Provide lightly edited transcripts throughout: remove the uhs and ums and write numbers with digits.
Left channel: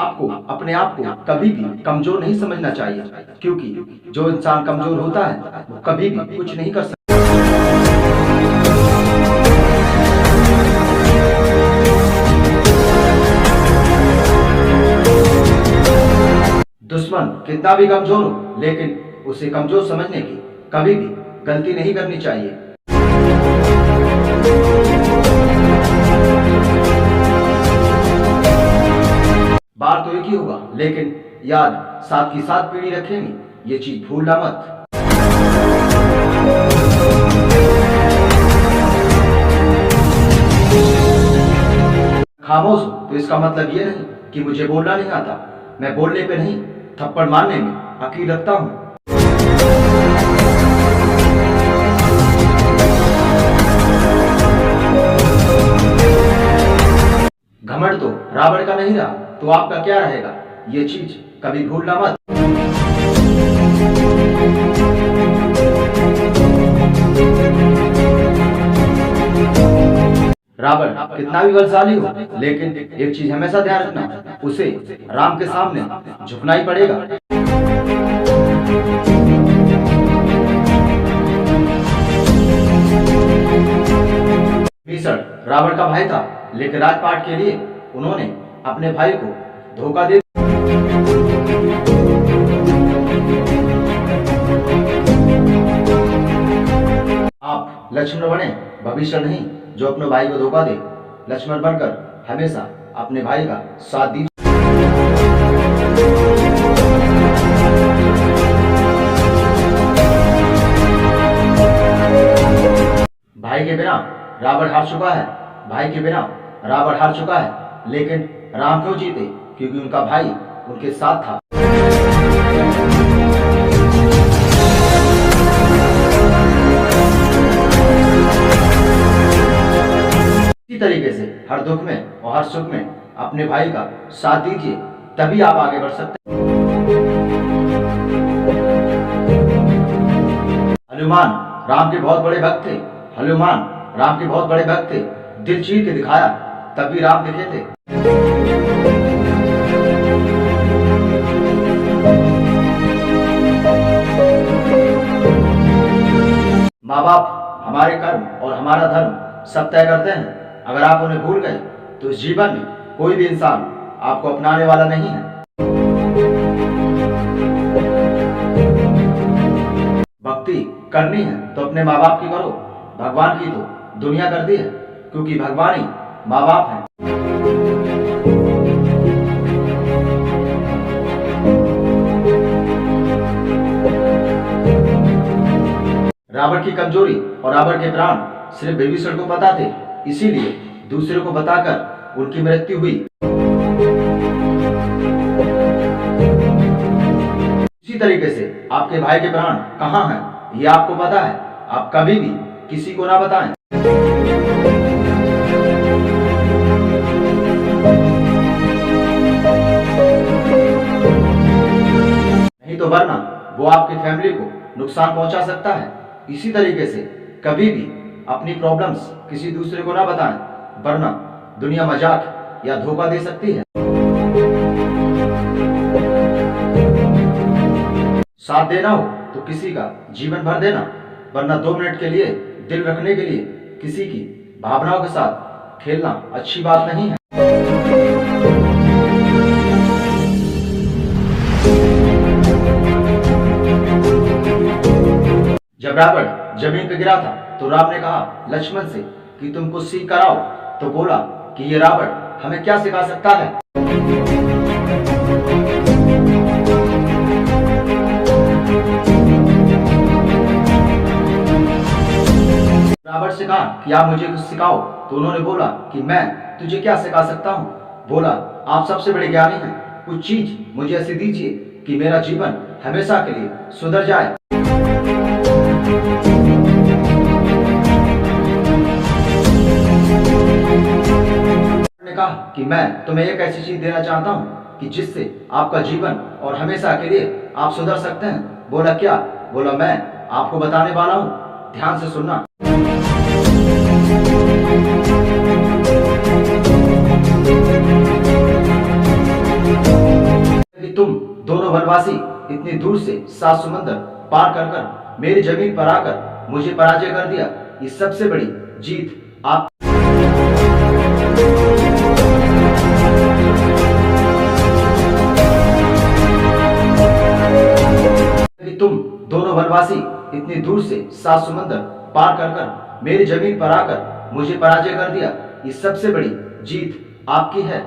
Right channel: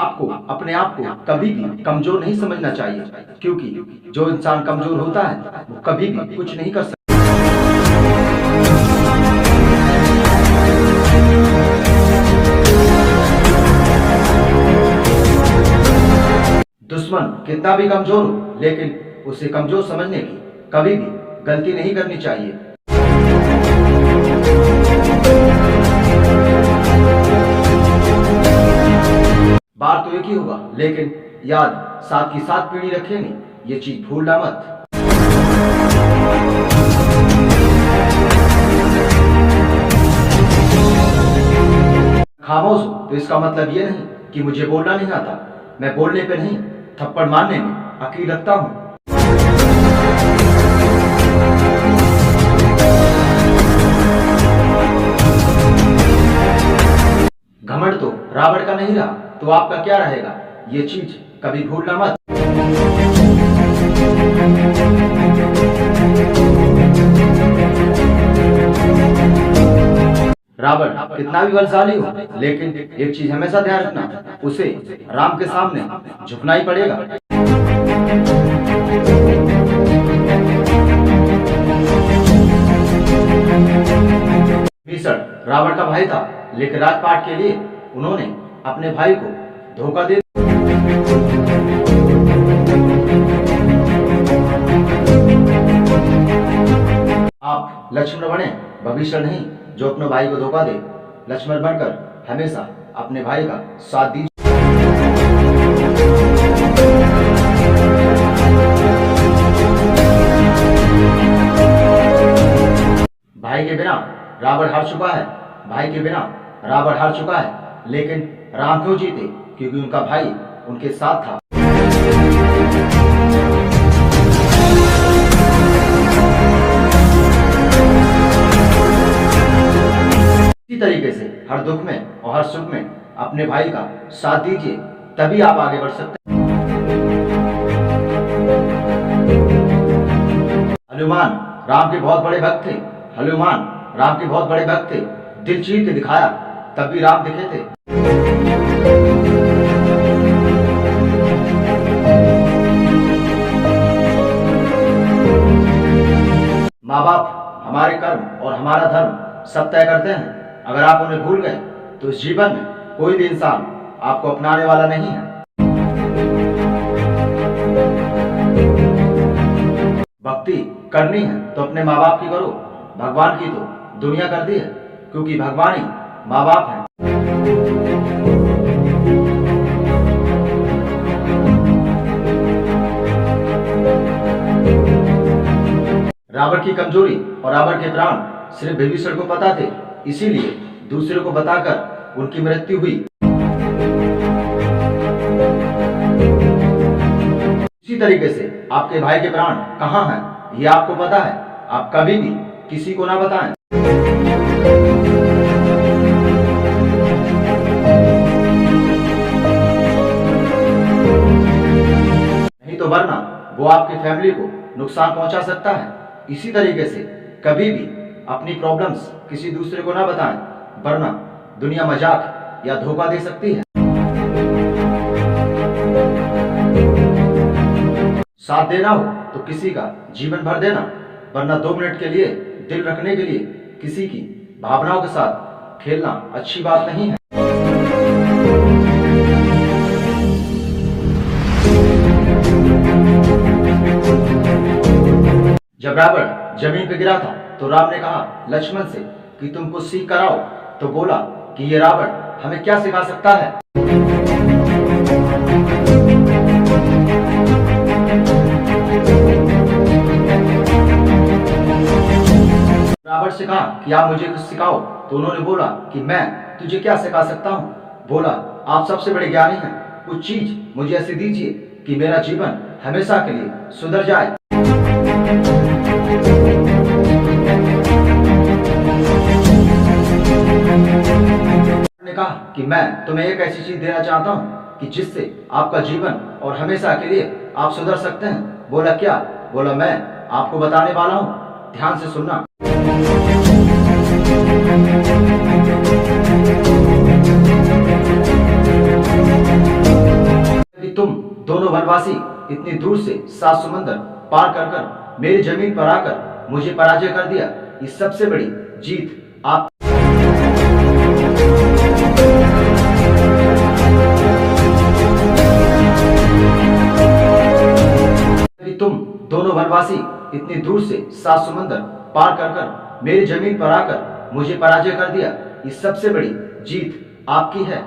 आपको अपने आप को कभी भी कमजोर नहीं समझना चाहिए, क्योंकि जो इंसान कमजोर होता है वो कभी भी कुछ नहीं कर सकता। दुश्मन कितना भी कमजोर हो, लेकिन उसे कमजोर समझने की कभी भी गलती नहीं करनी चाहिए। बार तो एक ही होगा, लेकिन याद साथ की साथ पीढ़ी रखेंगे, ये चीज भूलना मत। खामोश हो तो इसका मतलब ये नहीं कि मुझे बोलना नहीं आता। मैं बोलने पे नहीं, थप्पड़ मारने में अकील रखता हूं। घमंड तो रावण का नहीं रहा, तो आपका क्या रहेगा, ये चीज कभी भूलना मत। रावण कितना भी बलशाली हो, लेकिन एक चीज हमेशा ध्यान रखना, उसे राम के सामने झुकना ही पड़ेगा। विभीषण रावण का भाई था, लेकिन राजपाट के लिए उन्होंने अपने भाई को धोखा दे। आप लक्ष्मण बने, विभीषण नहीं जो अपने भाई को धोखा दे। लक्ष्मण बनकर हमेशा अपने भाई का साथ दीजिए। भाई के बिना रावण हार चुका है, भाई के बिना रावण हार चुका है, लेकिन राम क्यों जीते? क्योंकि उनका भाई उनके साथ था। इसी तरीके से हर दुख में और हर सुख में अपने भाई का साथ दीजिए, तभी आप आगे बढ़ सकते हैं। हनुमान राम के बहुत बड़े भक्त थे, हनुमान राम के बहुत बड़े भक्त थे। दिल चीर के दिखाया तब भी राम दिखे थे। माँ बाप हमारे कर्म और हमारा धर्म सब तय करते हैं। अगर आप उन्हें भूल गए तो इस जीवन में कोई भी इंसान आपको अपनाने वाला नहीं है। भक्ति करनी है तो अपने माँ बाप की करो, भगवान की तो दुनिया करती है, क्योंकि भगवान ही माँ बाप हैं। रावण की कमजोरी और रावण के प्राण सिर्फ विभीषण को पता थे, इसीलिए दूसरे को बताकर उनकी मृत्यु हुई। इसी तरीके से आपके भाई के प्राण कहाँ हैं ये आपको पता है, आप कभी भी किसी को ना बताएं। नहीं तो वरना वो आपकी फैमिली को नुकसान पहुंचा सकता है। इसी तरीके से कभी भी अपनी प्रॉब्लम्स किसी दूसरे को ना बताएं, वरना दुनिया मजाक या धोखा दे सकती है। साथ देना हो तो किसी का जीवन भर देना, वरना 2 मिनट के लिए दिल रखने के लिए किसी की भावनाओं के साथ खेलना अच्छी बात नहीं है। जब रावण जमीन पर गिरा था तो राम ने कहा लक्ष्मण से कि तुम कुछ सीख कर आओ, तो बोला कि ये रावण हमें क्या सिखा सकता है। रावण से कहा कि आप मुझे कुछ सिखाओ, तो उन्होंने बोला कि मैं तुझे क्या सिखा सकता हूँ। बोला आप सबसे बड़े ज्ञानी हैं, कुछ चीज मुझे ऐसी दीजिए कि मेरा जीवन हमेशा के लिए सुधर जाए। ने कहा कि मैं तुम्हें एक ऐसी चीज देना चाहता हूँ कि जिससे आपका जीवन और हमेशा के लिए आप सुधर सकते हैं। बोला क्या? बोला मैं आपको बताने वाला हूँ, ध्यान से सुनना। दोनों वनवासी इतनी दूर से 7 समंदर पार कर कर मेरी जमीन पर आकर मुझे पराजय कर दिया। इस सबसे बड़ी जीत आप कि तुम दोनों वनवासी इतनी दूर से 7 समंदर पार कर कर मेरी जमीन पर आकर मुझे पराजय कर दिया। इस सबसे बड़ी जीत आपकी है।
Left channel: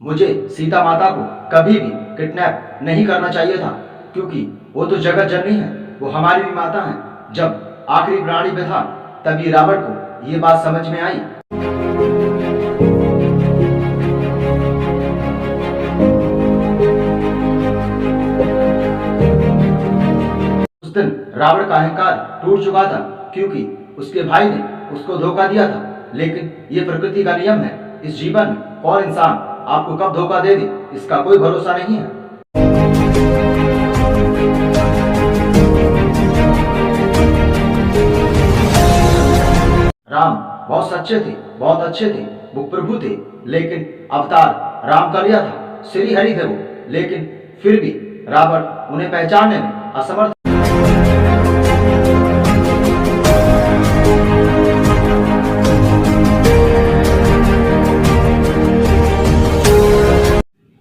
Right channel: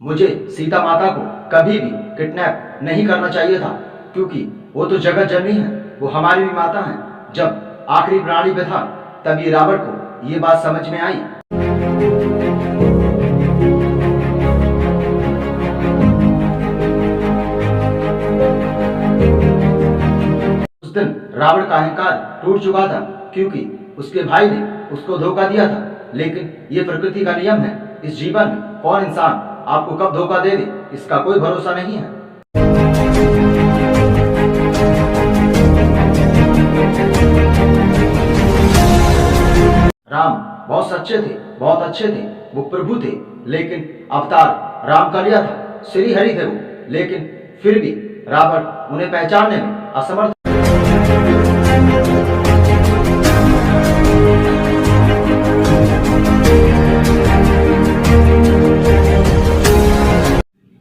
मुझे सीता माता को कभी भी किडनैप नहीं करना चाहिए था, क्योंकि वो तो जगत जननी है, वो हमारी भी माता है। जब आखिरी प्राणी पे था तभी रावण को ये बात समझ में आई। उस दिन रावण का अहंकार टूट चुका था, क्योंकि उसके भाई ने उसको धोखा दिया था। लेकिन ये प्रकृति का नियम है, इस जीवन में कौन इंसान आपको कब धोखा दे दे इसका कोई भरोसा नहीं है। राम बहुत सच्चे थे, बहुत अच्छे थे, वो प्रभु थे, लेकिन अवतार राम का लिया था, श्री हरि थे वो, लेकिन फिर भी रावण उन्हें पहचानने में असमर्थ।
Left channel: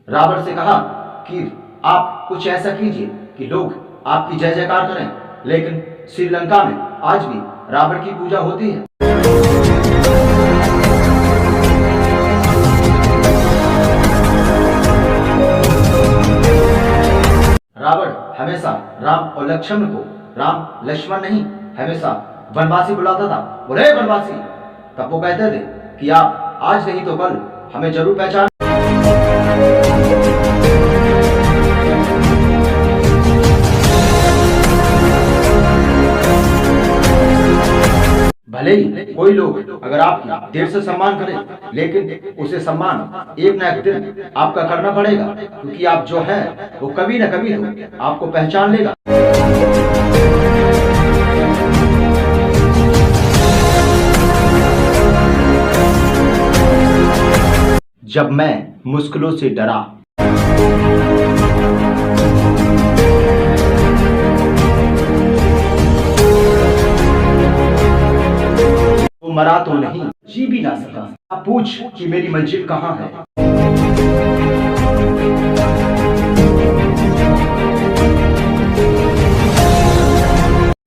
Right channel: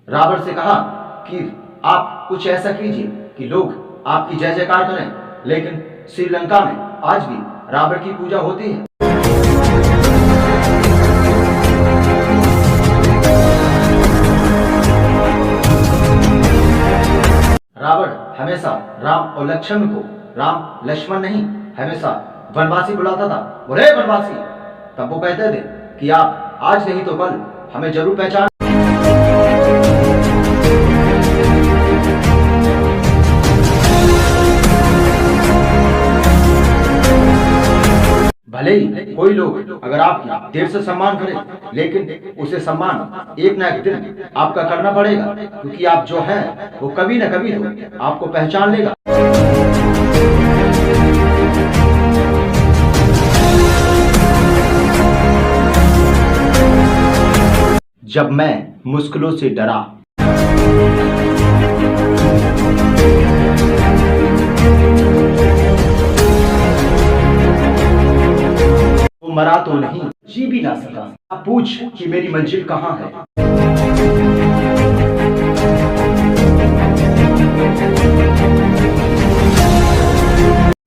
रावण से कहा कि आप कुछ ऐसा कीजिए कि लोग आपकी जय जयकार करें। लेकिन श्रीलंका में आज भी रावण की पूजा होती है। रावण हमेशा राम और लक्ष्मण को राम लक्ष्मण नहीं, हमेशा वनवासी बुलाता था। बोले वनवासी, तब वो कहते थे कि आप आज नहीं तो कल हमें जरूर पहचान। भले ही कोई लोग अगर आपकी देर से सम्मान करे, लेकिन उसे सम्मान एक ना एक दिन आपका करना पड़ेगा, क्योंकि आप जो हैं वो कभी न कभी तो आपको पहचान लेगा। जब मैं मुश्किलों से डरा, मरा तो नहीं, जी भी ना सका। आप पूछ कि मेरी मंजिल कहाँ है।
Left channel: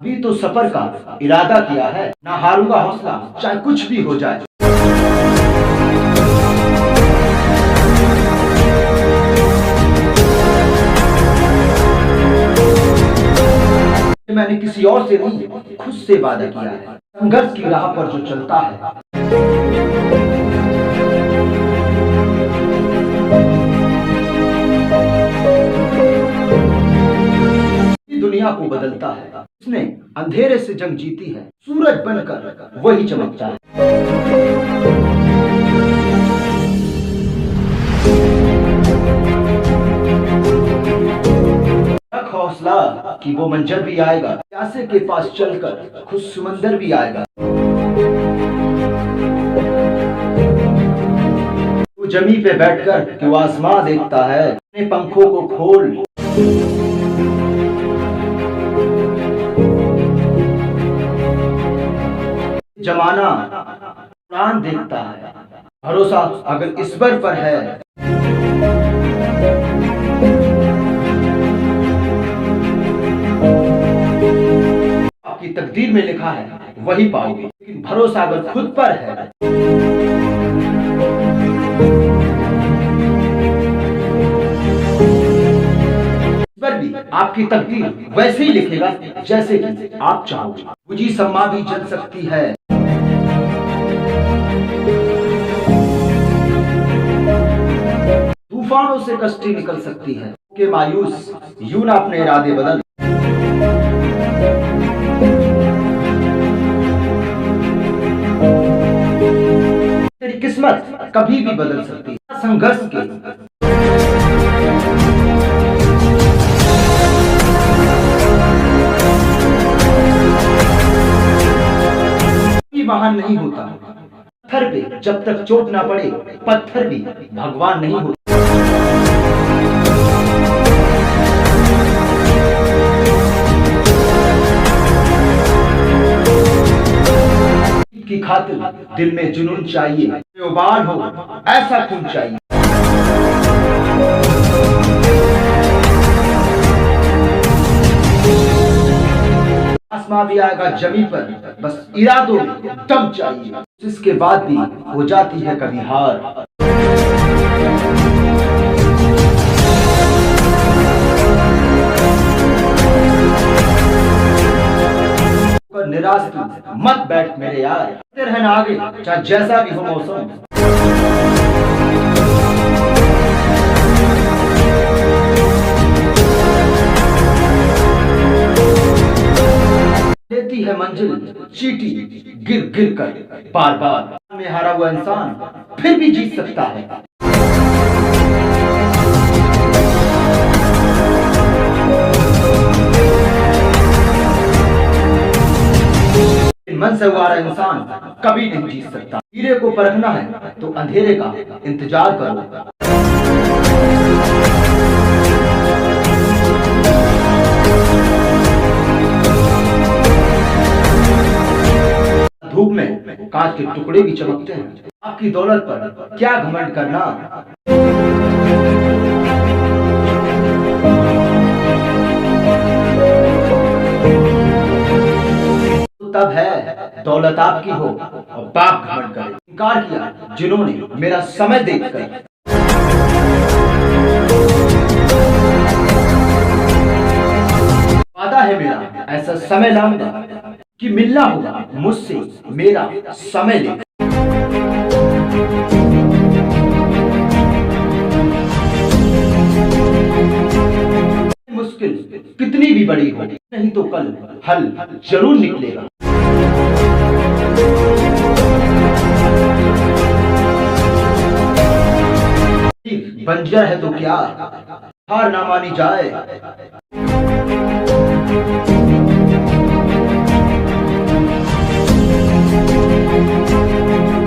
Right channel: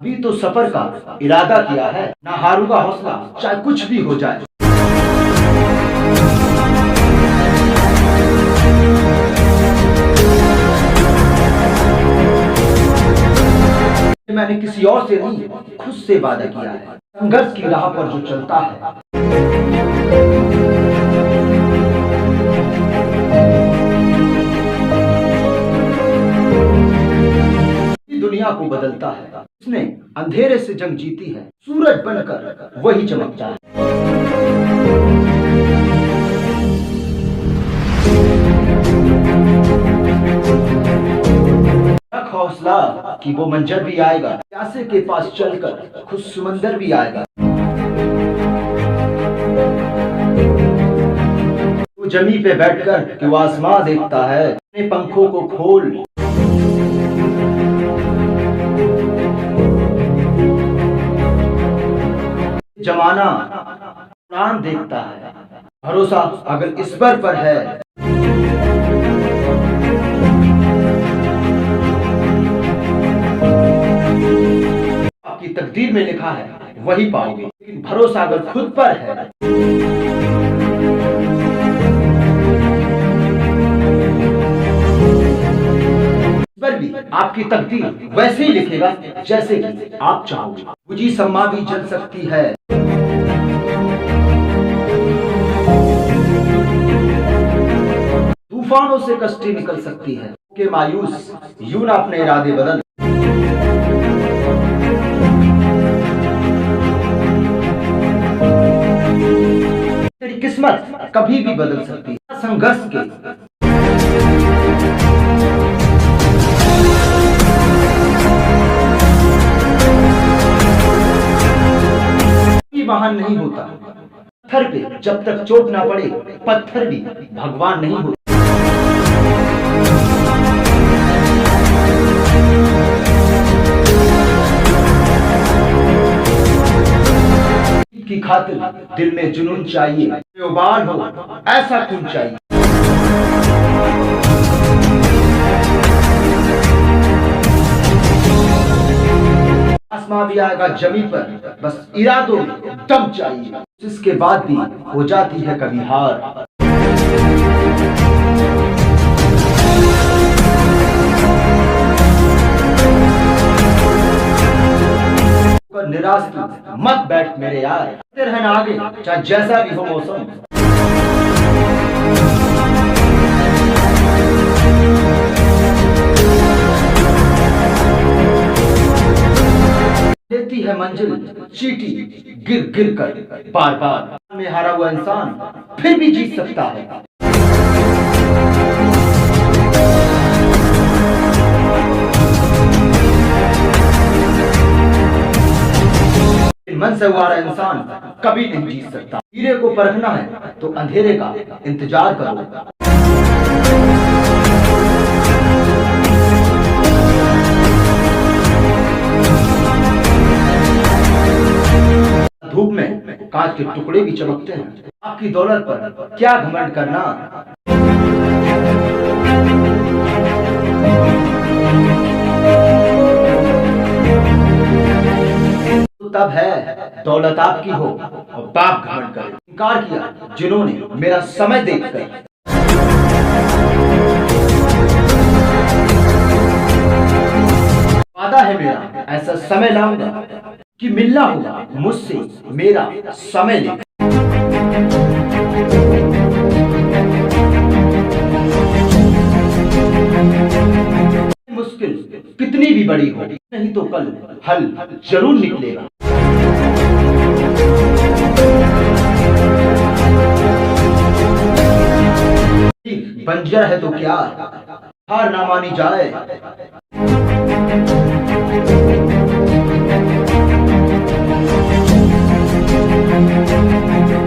अभी तो सफर का इरादा किया है, ना हारूंगा हौसला, चाहे कुछ भी हो जाए। मैंने किसी और से नहीं, खुद से वादा किया है। संघर्ष की राह पर जो चलता है, दुनिया को बदलता है। उसने अंधेरे से जंग जीती है, सूरज बनकर वही चमकता है। रख हौसला कि वो मंजर भी आएगा, प्यासे के पास चलकर खुद समंदर भी आएगा। तू जमीन पे बैठकर क्यों आसमां देखता है, अपने पंखों को खोल। जमाना कुरान देखता है, भरोसा अगर ईश्वर पर है। आपकी तकदीर में लिखा है वही पाओगे, लेकिन भरोसा अगर खुद पर है। ईश्वर भी आपकी तकदीर वैसे ही लिखेगा जैसे कि आप चाहोगे। बुझी सम्मा भी जल सकती है, तूफानों से कश्ती निकल सकती है। के मायूस यूं ना अपने इरादे बदल। तेरी किस्मत कभी भी बदल सकती है। संघर्ष के महान नहीं होता। पत्थर पे जब तक चोट ना पड़े, पत्थर भी भगवान नहीं होता। की खातिर दिल में जुनून चाहिए, उबाल हो ऐसा खून चाहिए। आसमां भी आएगा जमी पर, बस इरादों में दम चाहिए। इसके बाद भी हो जाती है कभी हार। निराश तू मत बैठ मेरे यार, रहना आगे चाहे जैसा भी हो मौसम। देती है मंजिल चीटी गिर गिर कर बार बार। में हारा हुआ इंसान फिर भी जीत सकता है। मन से हुआ इंसान कभी नहीं जीत सकता। हीरे को परखना है तो अंधेरे का इंतजार करो। धूप में कांच के टुकड़े भी चमकते हैं। आपकी दौलत पर क्या घमंड करना। तब है दौलत आपकी हो और बाप घमंड करे। इनकार किया जिन्होंने मेरा समय देखकर। वादा है मेरा ऐसा समय लाऊंगा कि मिलना होगा मुझसे मेरा समय लेकर। मुश्किल कितनी भी बड़ी हो, नहीं तो कल हल जरूर निकलेगा। बंजर है तो क्या, हार ना मानी जाए।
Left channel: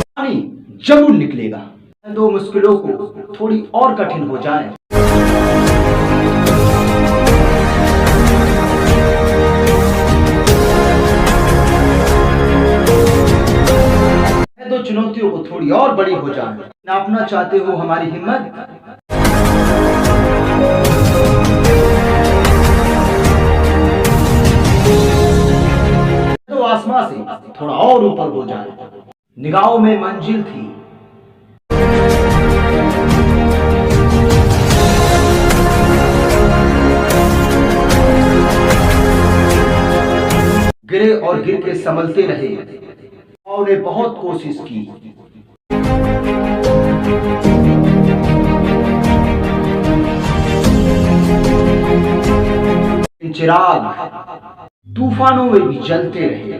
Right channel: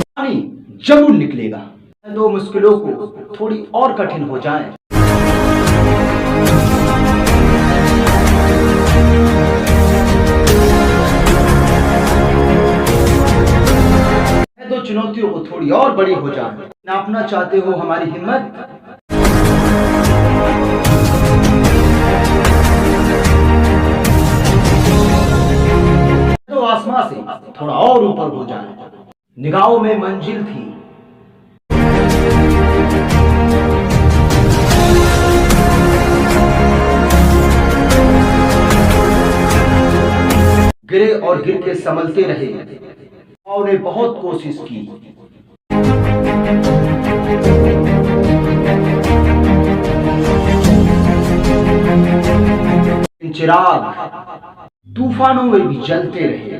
पानी जरूर निकलेगा। दो मुश्किलों को थोड़ी और कठिन हो जाए। दो चुनौतियों को थोड़ी और बड़ी हो जाए। नापना चाहते हो हमारी हिम्मत, तो आसमां से थोड़ा और ऊपर हो जाए। निगाहों में मंजिल थी, गिरे और गिर के संभलते रहे। ने बहुत कोशिश की। चिराग तूफानों में भी जलते रहे।